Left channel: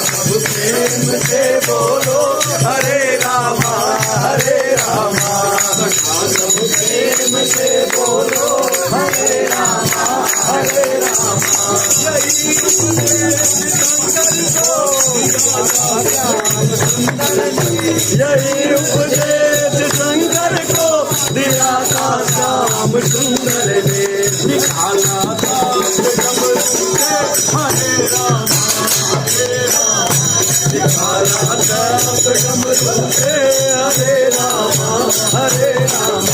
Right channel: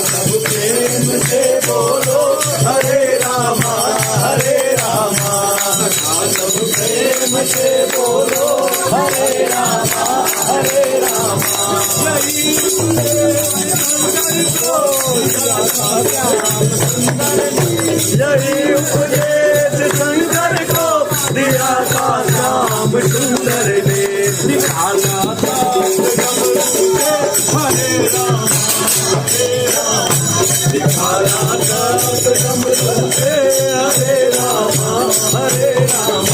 सब प्रेम से बोलो हरे रामा हरे रामा। सब प्रेम से बोलो हरे रामा हरे रामा। यही उपदेश शंकर को दिया था श्याम सुंदर देश। निकाला था डमरू से हरे रामा हरे रामा। निकाला था डमरू से हरे रामा हरे रामा।